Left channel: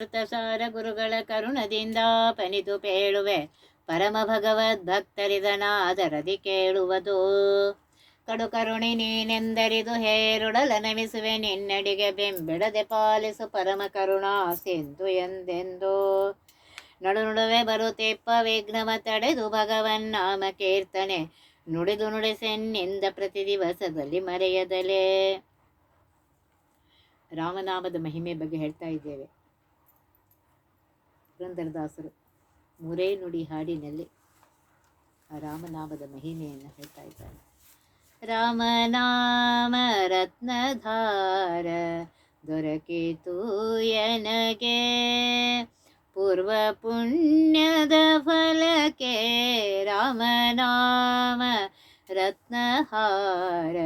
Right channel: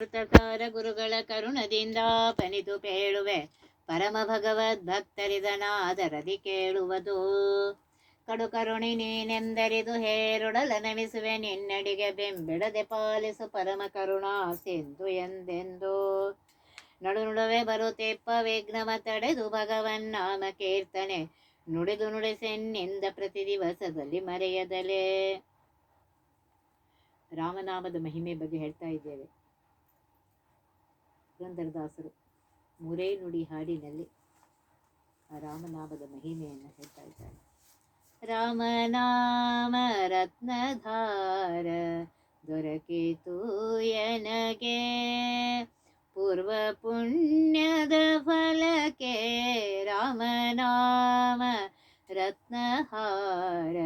ಸಾರ ಗುರುಗಳ ಕರುಣದಿಂದ ಪನಿದು ಪೇಳುವೆ. ಪರಮ ಭಗವದ್ ಭಕ್ತರಿದನಾದರದಿ ಕೇಳುವುದು. ಕಡು ಕರುಣಿ ನೀನೆಂದರಿದು ಹೇರುಡಲ ನಮಿಸುವೆ. ನಿನ್ನಡಿಗೆ ಬೆಂಬಿಡದೆ ಪಾಲಿಸು ಪರಮ ಕರುಣಾ ಸಿಂಧು ಎಂದೆಂದು. ನಡು ನಡುವೆ ಬರುತ್ತೆಪ್ಪ ವಿಘ್ನವ ತಡೆದು ಭಗವನ್ ನಾಮ ಕೀರ್ತನೆ. ನುಡಿದು ನುಡಿಸೆನ್ನಿಂದ ಪ್ರತಿ ದಿವಸದಲ್ಲಿ ಮರೆಯದಲೇ. ರಾಮನಾಮದ ಮಹಿಮೆ ಬಗ್ಗೆ ಹೇಳ್ತಾ ಇದ್ದೇವೆ. ಪುರಂದರದಾಸರು ಮೂರೇ ನುಡಿ ಹಾಡಿನಲ್ಲಿ ಆ ರಾಮನಾಮದ ಮಹಿಮೆಯನ್ನು ಹೇಳ್ತಾ ಇದ್ದಾರೆ. ರಾಮನಾಮ ರತ್ನಧಾರ ದೊರಕಿತು ಎನಗೆ? ಪೂರ್ವ ಪುಣ್ಯದ ಫಲಕೆ ರಾಮನಾಮ ರತ್ನಹಾರ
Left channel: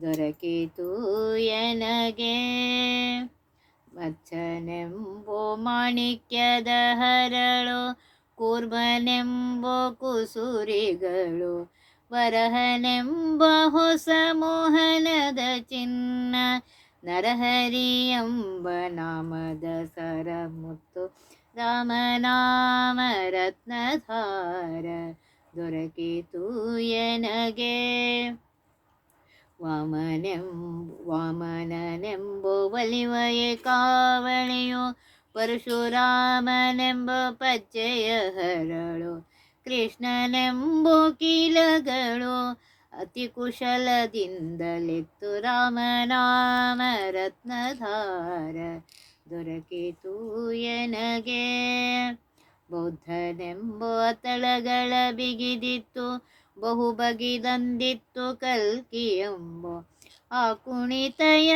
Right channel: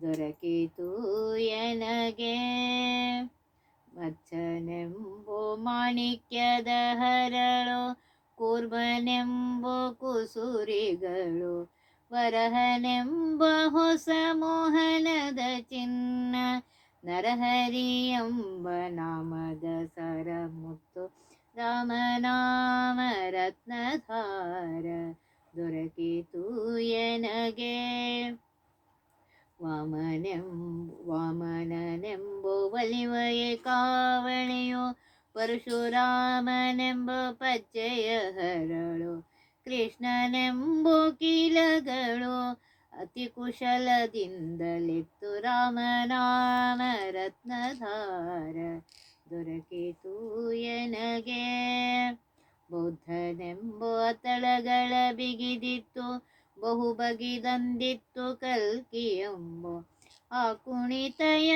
ದೊರಕಿತು ಎನಗೆ? ಮಚ್ಚನೆಂಬೋ ಮಾಣಿಕ್ಯದ ಹರಳು ಕೂರ್ಮನೆಂಬೋ ಕುಸುರಿಗಳು, ವರಹನೆಂಬ ಹೊಸ ಮೋಹನದ ಚಿನ್ನ, ನರಹರಿ ಎಂಬ ನಾಮದ ಸರಮುತ್ತು ರಾಮನಾಮ ರತ್ನಧಾರ, ದೊರಕಿತು ಎನಗೆ. ವಾಮನೆಂ, ವಾಮನನೆಂಬು ಕಾವಳಿಯು ಪರಶುರಾಮನೆಂಬ ಪಚ್ಚೆಯ ಹರಳು, ಕೃಷ್ಣನೆಂಬು ಕೀಲಗಳು ಅತಿ ಕುಶಲದಿಂದಲಿತ್ತು ರಾಮನಾಮ ರತ್ನಧಾರ ದೊರಕಿತು ಎನಗೆ. ಬೌದ್ಧನೆಂಬ ತಳಗಳ ಬಿಗಿದಿತ್ತು ಬಹು ಬಗಿದಂದಿತ್ತು ಕಲ್ಕಿ ಎಂಬ ಆ ಕುಣಿತಯ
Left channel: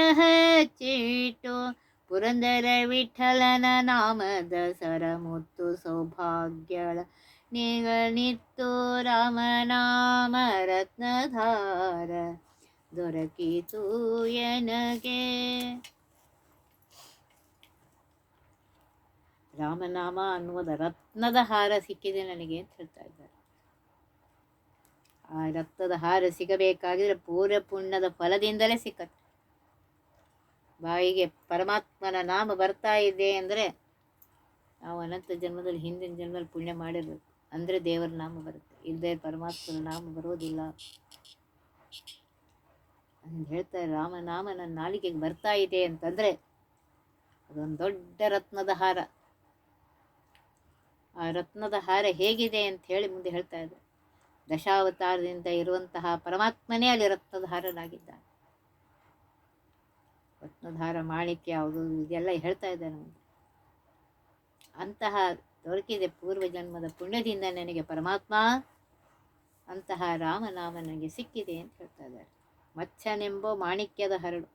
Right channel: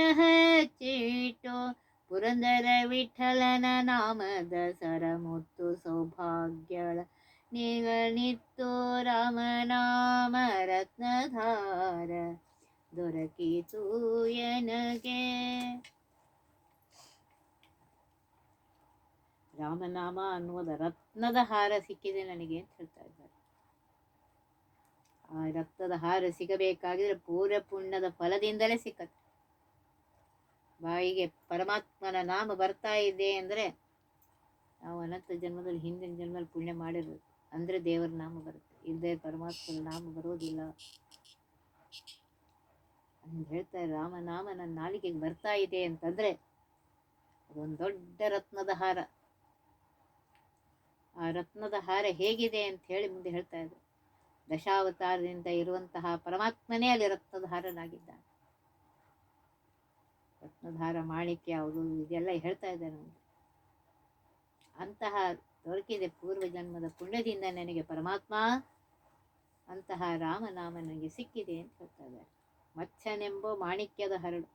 ಚೀಟು ಪುರಂದರ ವಿಠಲನ ನಾಮದ ಸರಮುತ್ತು ಸೌಭಾಗ್ಯಳ. ನಿಗಣಿತ್ತು ರಾಮನಾಮ ರತ್ನಧಾರ. ದೊರಕಿತು ಎನಗೆ. ರಾಮನಾಮ ಅನ್ನುವುದ ರತ್ನದ ಹಾರ ಸಿಕ್ಕಿದೆ ನನಗೆ ಅಂತ ಹೇಳ್ತಾ ರಕ್ತದ ಹಾರ ಸಿಗಬೇಕಾಗಿದ್ರೆ ಪೂರ್ವ ಪುಣ್ಯದ ಫಲದಿಂದಲೇ ಸಿಕ್ಕತ್ತೆ. ಬಾಯಿಗೆ ಪರಮಾತ್ಮನ ನಾಮ ಬರ್ತಾ ಇದೆ ಅಂದರೆ ನಾವು ಅನಂತ ಜನ್ಮದಲ್ಲಿ, ಹಿಂದಿನ ಜನ್ಮದಲ್ಲಿ ಪುಣ್ಯ ಮಾಡಿರ್ಬೇಕು. ಅಂದರೆ ದೇವರ ನಾಮ ಬರುತ್ತೆ. ಇಲ್ಲದೆ ಪರಮಾತ್ಮನ ನಾಮ ಬರೋದಿಲ್ಲ. ಹೇಳ್ತಾರೆ ರಾಮನಾಮ ನನ್ನ ನಾಲಿಗೆಗೆ ಬರ್ತಾ ಇದೆ ಅಂತಂದರೆ ಅದೊಂದು ದೊಡ್ಡ ರತ್ನದ ಹಾರ. ಆ ರತ್ನದ ಹಾರ ಹೇಗಿದೆ ಅಂತ ಹೇಳಿ ಮುಂದೆ ಹೇಳ್ತಾ ಇದ್ದಾರೆ ದಶಾವತಾರದಿಂದ ಇರುವಂತಹ ಪರಮಾತ್ಮನೇ ಅಲ್ಲಿ ರತ್ನಧಾರನಾಗಿದ್ದಾನೆ ರತ್ನಧಾರ ಮಾಣಿಕ್ಯ ಯಾವುದು ಇದೆಲ್ಲ ಹೇಳ್ತಾ ಇದ್ದಾರೆ ನಮಗೆ. ಅಂತಹ ದೊರಕಿದೆ ಪೂರ್ವ ಜನ್ಮದ ಪುಣ್ಯದಿಂದ ನನಗೆ ಪರಮಾತ್ಮ, ಅಂತಹ ರಾಮನಾಮ ನನಗೆ ಸಿಕ್ಕಿದೆ ಅಂತ ಹೇಳ್ತಾ ಇದ್ದಾರೆ. ಮಚ್ಚನೆಂಬ ಮಾಣಿಕ್ಯದ ಹರಳು.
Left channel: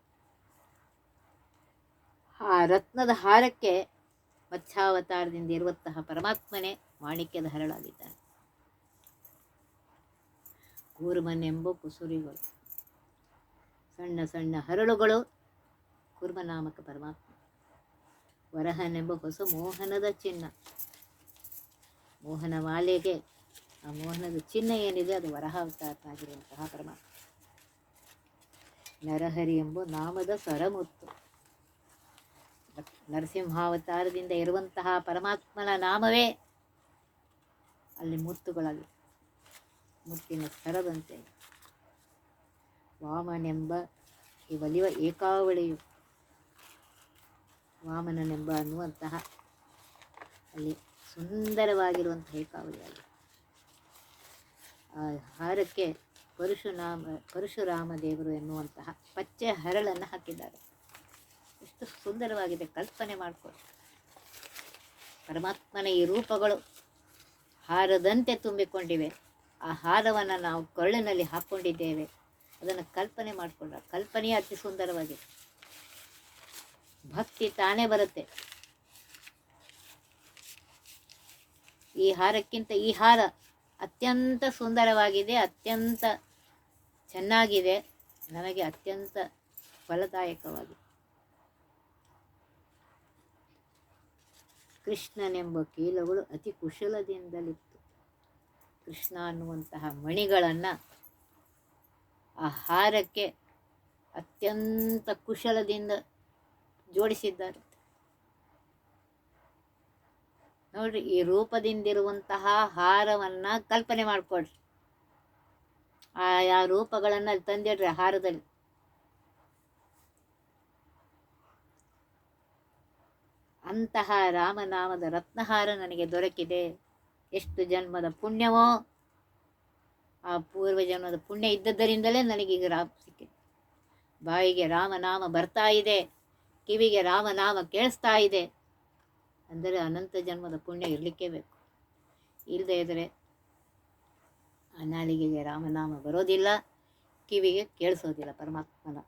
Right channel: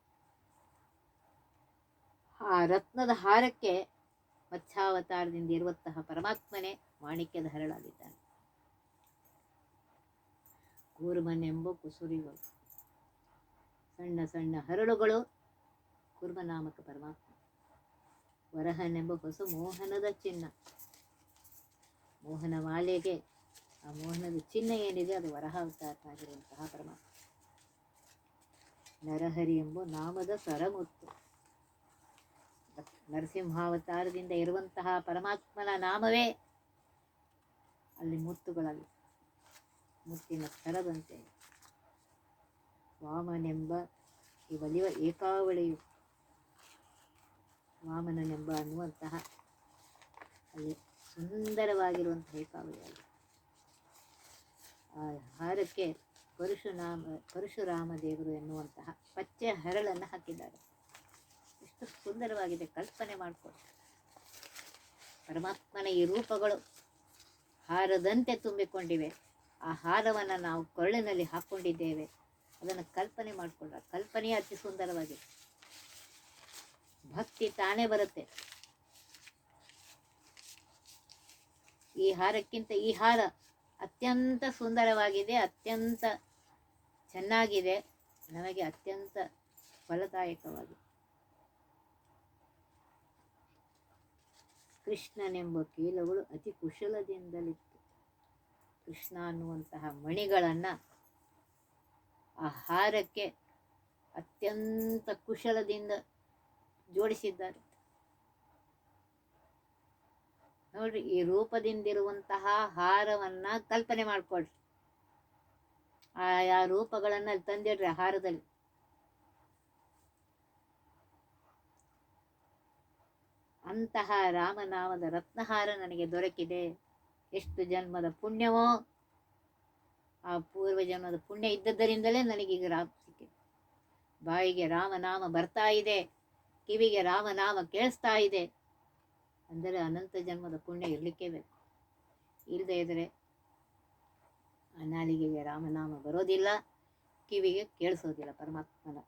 ಆ ರತ್ನದ ಹಾರಕ್ಕೆ ಮತ್ಸ್ಯಾವತಾರದಿಂದ ಇರುವಂತಹ ಪರಮಾತ್ಮನೇ ಮಾಣಿಕ್ಯದ ಹರಳಾಗಿದ್ದಾನೆ. ಕೂರ್ಮನೆಂಬ ಕುಸುರಿಗಳು. ಸಣ್ಣ ಸಣ್ಣ ಹರಳುಗಳು ಕೂರ್ಮನಾಮಕ ಪರಮಾತ್ಮ. ವರಹನೆಂಬ ಹೊಸ ಮೋಹನದ ಚಿನ್ನ. ಮೋಹನ ಮಾಲೆಗೆ ಆ ಮೋಹನದ ಚಿನ್ನ ಏನಿದೆ ಅದು ವರಹ ವರಹಾವತಾರನಾಗಿರುವಂತಹ ಪರಮಾತ್ಮ. ನರಹರಿ ಎಂಬ ನಾಮದ ಸ್ವರಮುತ್ತು ನರಸಿಂಹಾವತಾರದಿಂದ ಇರುವಂತಹ ಪರಮಾತ್ಮನ ನಾಮವೇ ಅಲ್ಲಿ ಮುತ್ತುಗಳಲ್ಲಿ ಮುತ್ತಿನ ಸ್ತರದಂತೆ ವಾಮನೆಂಬ ಈ ಒಲಿವ ಏಕಾವಳಿಯು ವಾಮನನೆಂಬ ಅನ್ನುವಂತಹ ಅಲ್ಲಿ ಸುಂದರವಾಗಿರುವಂತಹ ಅಲ್ಲಿ ಆ ಹಾರಕ್ಕೆ ಪರಶುರಾಮ ಪರಶುರಾಮ ದೇವರು ಎನ್ನುವಂತಹ ಪಚ್ಚೆ ಹರಳನ್ನು ಹಾಕಿದ್ದಾರೆ. ಎಷ್ಟು ಸುಂದರವಾಗಿದೆ ಕಲ್ಪನೆ ಮಾಡಿಕೊ. ಪರಮಾತ್ಮನ ಈ ರೂಪಗಳು ಹಾರದಂತೆ ತುಂಬಿಕೊಂಡಿವೆ. ಆ ಹಾರವನ್ನು ನಾವು ಕರುಳಿನಲ್ಲಿ ಹಾಕ್ಕೊಂಡಿದ್ದೇವೆ ಅದನ್ನು ಕಲ್ಪನೆ ಮಾಡಿಕೊಂಡ್ರೆ ಕಲ್ಪನೆಯೇ ಅತಿ ಸುಂದರವಾಗಿದೆ. ಭಕ್ತಿ ತಾನೇ ಬರುತ್ತೆ. ಈ ಹಾರಕ್ಕಿಂತ ಈ ಹಾರ ಅತ್ಯಂತ ಸುಂದರವಾಗಿದೆ, ಅತ್ಯಂತ ಚೆನ್ನಾಗಿದೆ ನಮಗೆ ಅತ್ಯಂತ ಫಲದಾಯಕವಾಗಿದೆ. ಕೃಷ್ಣನೆಂಬ ಕೀಲಗಳು ಅತಿ ಕುಶಲದಿಂದಲಿತ್ತು ಕೃಷ್ಣ ಅನ್ನುವಂತಹ ಮಣಿಗಳನ್ನು ಆ ಹಾರಕ್ಕೆ ಅತ್ಯಂತ ಕುಶಲದಿಂದ ಜೋಡಿಸಿದ್ದಾರೆ. ನೋಡ್ರಿ, ಈ ರೂಪದಿಂದಿರುವಂತಹ ಹಾರವನ್ನು ಕಲ್ಪನೆ ಮಾಡಿಕೊಡ್ರಿ ಆಯಾ ರೂಪಗಳನ್ನು ಅಲ್ಲಿ ತಂದಿಡ್ರಿ ಹಾರದಲ್ಲಿ. ಅಂತಹ ರಾಮನಾಮದ ರತ್ನಹಾರ ನನಗೆ ದೊರಕಿದೆ. ಎಷ್ಟು ಜನ್ಮದ ಪುಣ್ಯವೋ ಆ ಪೂರ್ವ ಜನ್ಮದ ಪುಣ್ಯ ಇದ್ದದ್ದರಿಂದಲೇ ನನಗೀಗ ರಾಮ ಸಿಕ್ಕಿದೆ. ಬಾಯಿಗೆ ರಾಮನಾಮ ಬರ್ತಾ ಇದೆ, ಕಿವಿಗೆ ರಾಮನಾಮ ಕೇಳಿಸ್ತಾ ಇದೆ. ಅಂದರೆ ಅನಂತ ಜನ್ಮದ ಪುಣ್ಯ ಇರಲಿಕ್ಕೇ ಬೇಕು. ಇಲ್ಲದೇ ಇದ್ದರೆ ಅನಾಲಿಗೆಗೆ ನಾಲಿಗೆಗೆ ರಾಮನಾಮ ಬರೋದಿಲ್ಲ, ಕಿವಿಗೆ ಕೇಳಿಸೋದಿಲ್ಲ ಪರಮಾತ್ಮನ.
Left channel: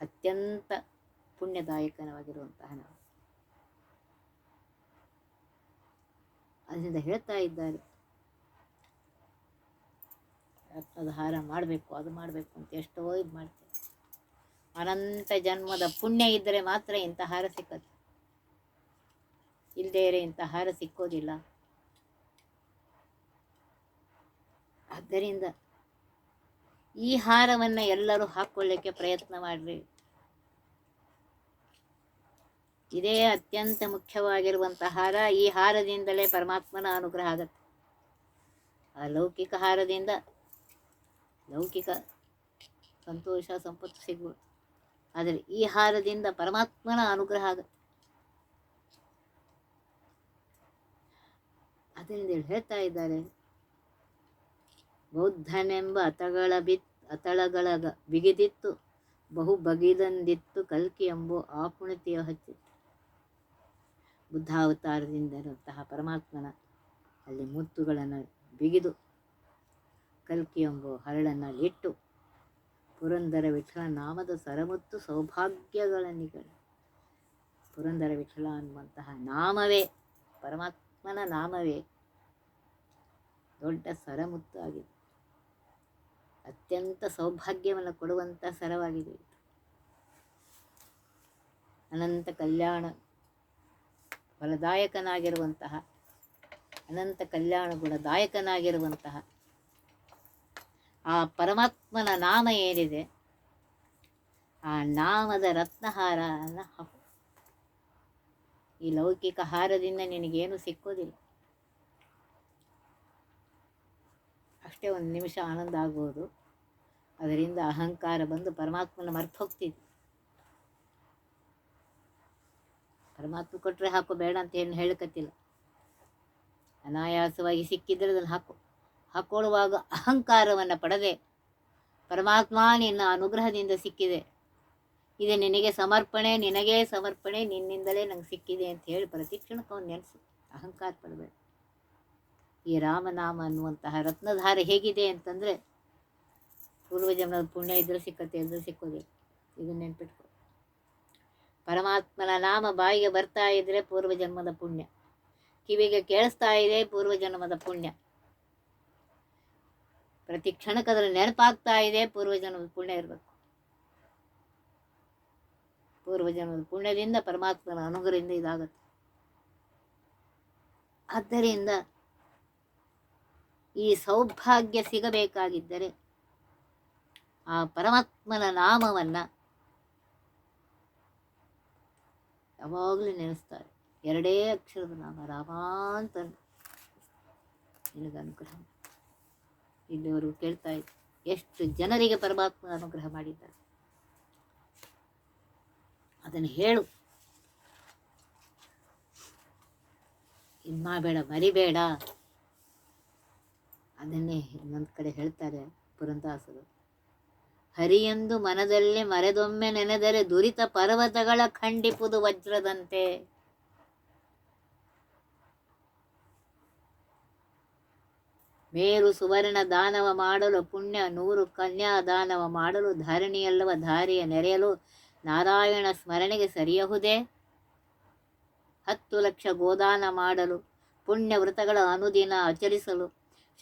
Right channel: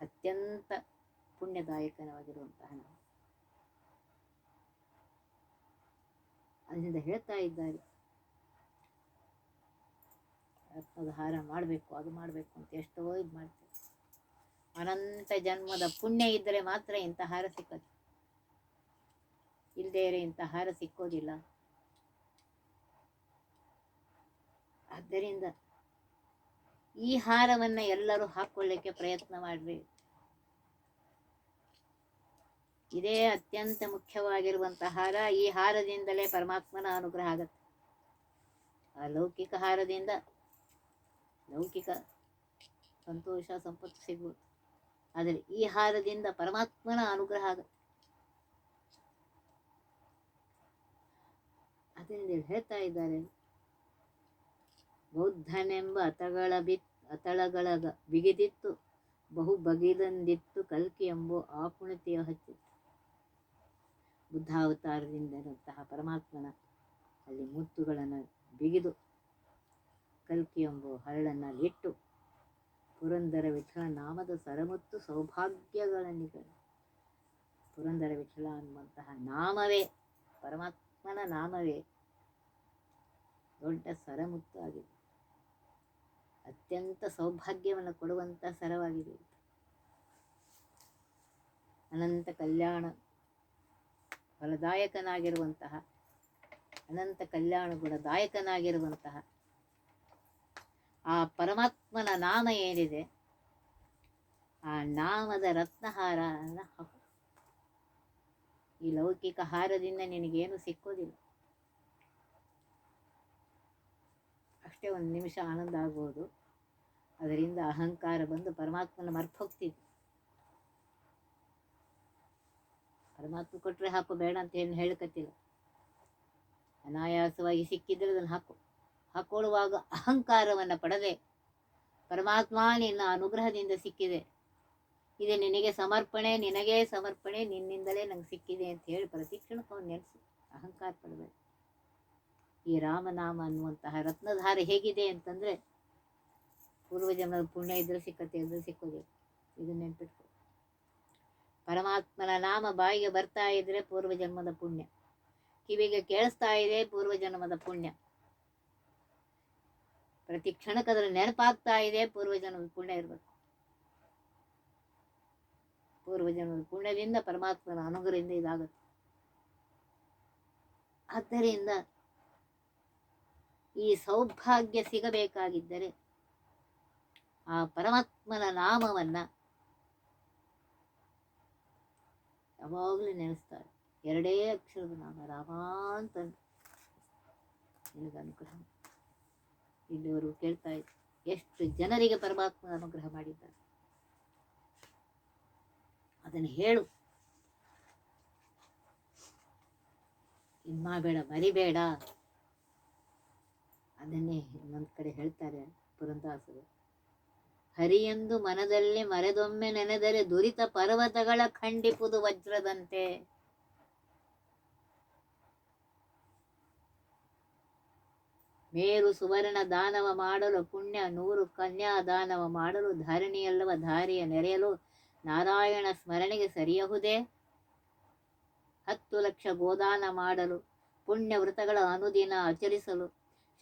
ಅತ್ಯಂತ ಪುಣ್ಯದಾಯಕನವಾಗಿರುವಂತಹ ನಾಮ ಅದರಿಂದ ಹೇಳ್ತಾ ಇದ್ದಾರೆ. ಅದು ಹಾರ ಮಾಡಬೇಕು, ಅದು ಮಾಡಬೇಕು ಅಂತ ಎಷ್ಟೋ ಇದು ಮಾಡ್ತೇವೆ ಅನಂತ ಜನ್ಮದ ಪುಣ್ಯ ಇದ್ದರೆ ಮಾತ್ರ ಇಂಥ ಹಾರ ಸಿಕ್ಕದು. ಇಲ್ಲದೇ ಇರೋ ಇಂಥ ಹಾರ ಸಿಕ್ಕೋದಿಲ್ಲ. ಆದ್ದರಿಂದ ಈ ಹಾರವನ್ನು ಎಲ್ಲರೂ ಹಾಕ್ಕೊಳ್ಳಿಕ್ಕೆ ಪ್ರಯತ್ನ ಮಾಡ್ರಿ. ಇದೇ ಅತ್ಯಂತ ಮುಖ್ಯವಾಗಿರುವಂಥ ಹಾರ. ಈ ಹಾರದಿಂದಲೇ ಪರಮಾತ್ಮನ ಅನುಗ್ರಹ ಆಗತ್ತೆ. ಆ ಲೌಕಿಕ ಹಾರದಿಂದ ಲೌಕಿಕ ಸಂತೋಷ, ಸಂಪತ್ತು ಸಿಗ್ಬೋದು. ಆದರೆ ಈ ಹಾರದಿಂದ ಪರಮಾತ್ಮನ ಅನುಗ್ರಹ ಆಗುತ್ತೆ. ಅದರಿಂದ ಹೇಳ್ತಾ ಇದ್ದಾರೆ, ಬೌದ್ಧನೆಂಬ ಅತಗಳ ಬಿತ್ ಅತಳಗಳ ಬಿಗಿದಿತ್ತು ಬಹು ಬಗಿದಂದಿತ್ತು ಕಲ್ಕಿ ಎಂಬೋ ಆಪುಣತಿಯ ಹಚ್ಚಿತ್ತು ಬುದ್ಧಾವತಾರದಿಂದ ಇರುವಂತಹ ಪರಮಾತ್ಮನ ಅಲ್ಲಿ ಮುತ್ತುಗಳನ್ನು ಬಿಗಿದು ಕಲ್ಕಿ ಎಂಬ ಹರಳನ್ನು ಇಟ್ಟು ಪುರಂದರ ವಿಠಲ ನಾಮದ ಸರಮುತ್ತು ಸೌಭಾಗ್ಯಗಳ ನಿಗಳ. ಪುರಂದರ ವಿಠಲ ಅನ್ನುವಂತಹ ನಾಮವೇ, ಪರಮಾತ್ಮನ ನಾಮವೇ. ದೊಡ್ಡ ಸರಮುತ್ತು ಆಗಿದೆ. ಅತ್ಯಂತ ಸೌಭಾಗ್ಯವನ್ನು ಕೊಡುವಂಥ ಸರವಾಗಿದೆ. ಅನಂತ ಕಲ್ಯಾಣ ಫಲದಾಯಕನಾಗಿರುವಂತಹ ಅನಂತ ಕಲ್ಯಾಣ ಗುಣದಾಯಕನಾಗಿರುವಂತಹ ಆ ಪರಮಾತ್ಮನ ನಾಮ ಏನಿದೆ? ಆ ನಾಮದ ರತ್ನಹಾರನ ಹಾಕು ಈ ಲೌಕಿಕ ಹಾರದಿಂದ ನಿನಗೇನು ಸಿಕ್ಕೋದಿಲ್ಲ. ಅಷ್ಟೇ ಒಂದು ನಿಮಿಷ ಆನಂದ ಆಗ್ಬೋದು. ಅದರಿಂದ ಅಹಂಕಾರ ಬಂದು ಪರಮಾತ್ಮನ ಮರ್ತು ಹೋಗ್ತಿದ್ದೆ ಪರಮಾತ್ಮ ಕೊಟ್ಟರೆ ಹಾಕು, ಬೇಡ ಅಂತ ಏನು ಹೇಳಕತ್ತಿಲ್ಲ. ಅನಾಯಾಸವಾಗಿ ಸಿಕ್ಕಿದ್ರೆ ಅದನ್ನು ಹಾಕು. ಹಾಕೊಳ್ಳುವಾಗ ಅಹಂಕಾರವನ್ನು ಪಡದೆ ಪರಮಾತ್ಮ ನಿನ್ನ ಅನುಗ್ರಹದಿಂದ ಸಿಕ್ಕಿದೆ. ಇದು ನಿನಗೆ ಸಮರ್ಪಣೆ ನಿನಗೆ ಸಮರ್ಪಣೆ, ನಿನ್ನಿಂದಲೇ ನಂಗೆ ಸಿಕ್ಕಿದೆ ಅಂತ ಹೇಳಿ ಪ್ರತಿ ಕ್ಷಣಕ್ಕೆ ಅವನು ನೆನೆಸು. ಅಹಂಕಾರ ಪಡಬೇಡ. ಈ ರಾಮನಾಮ ಅನ್ನುವಂತಹ ರತ್ನಧಾರ ಹೇಗಿದೆ ಅಂತಂದರೆ ಪೂರ್ವಜನ್ಮದ ಪುಣ್ಯ ಇದ್ರೂ ಸಿಕ್ಕತ್ತೆ ಇದ್ರೂ ಸಿಕ್ಕೋದಿಲ್ಲ. ಇದು ನೆನ್ಪಿಟ್ಕೊ ಪರಮಾತ್ಮನ ನಾಮ ಬಾಯಿಗೆ ಬರ್ತಾ ಇದ್ರೆ ಪೂರ್ವಜನ್ಮದ ಪುಣ್ಯ. ಕಿವಿಗೆ ಕೇಳಿಸ್ತಾ ಇದೆ ಪೂರ್ವ ಜನ್ಮದ ಪುಣ್ಯ. ಪ್ರತಿ ಕ್ಷಣಕ್ಕೆ ಅದರ ನೆನಪಾಗ್ತಾ ಇದೆ ಪೂರ್ವಜನ್ಮದ ಪುಣ್ಯ ಇರಬೇಕು. ಪೂರ್ವಜನ್ಮದ ಪುಣ್ಯದಿಂದ ಪರಮಾತ್ಮನ ಅನುಗ್ರಹದಿಂದ ಇದಾಗುತ್ತೆ. ಆದ್ದರಿಂದ ಈ ಸೌಭಾಗ್ಯ ಸಿಗಬೇಕಾಗಿದ್ದರೆ ಆ ಪರಮಾತ್ಮನ ನಾಮವನ್ನು ಯಾವಾಗಲೂ ನೆನೆಸ್ತಾರೆ. ಎರಡೇ ಅಕ್ಷರದ ನಾಮ ರಾಮ ಅಂತ ನಿನಗೆ ಅನುಗ್ರಹ. ಇಲ್ಲಿವರು ಕೇಳ್ತಾ ಎಷ್ಟು ಜನರಿಗೆ ಪರಮಾತ್ಮ ಅನುಗ್ರಹ ಮಾಡಿದ್ದಾರೆ. ಅದನ್ನು ಹೇಳು. ಇದು ಬೇಡ, ಮರಿಬೇಡ. ಅದನ್ನೇ ಇನ್ನೊಂದು ಕಡೆ ಹೇಳ್ತಾರೆ ಪುರಂದಾಸರು. ಹರಿಯೆಂದು ಮನದಲ್ಲೇ ಮರೆದೊಮ್ಮೆ ನೆನೆದರೆ ದುರಿತ ಪರ್ವತಗಳ ಖಂಡಿಪುದು ವಜ್ರದಂತೆ ಮೇರು ಸುವರ್ಣ ದಾನವ ಮಾಡಲು ಪುಣ್ಯ, ನೂರು ಕನ್ಯಾ ದಾನವ ಮಾಡಲು ಧರಣಿಯಲ್ಲವ ಧಾರಿಯ ನೆರೆಯಲು ನಾರಾಯಣ ಸ್ಮರಣೆಗೆ ಸರಿಯಹುದೇ? ಹತ್ತು ಲಕ್ಷ ಗೋದಾನ ಮಾಡಲು, ಪುಣ್ಯ ವೃತಗಳ ಅನುದಿನ ಆಚರಿಸಲು,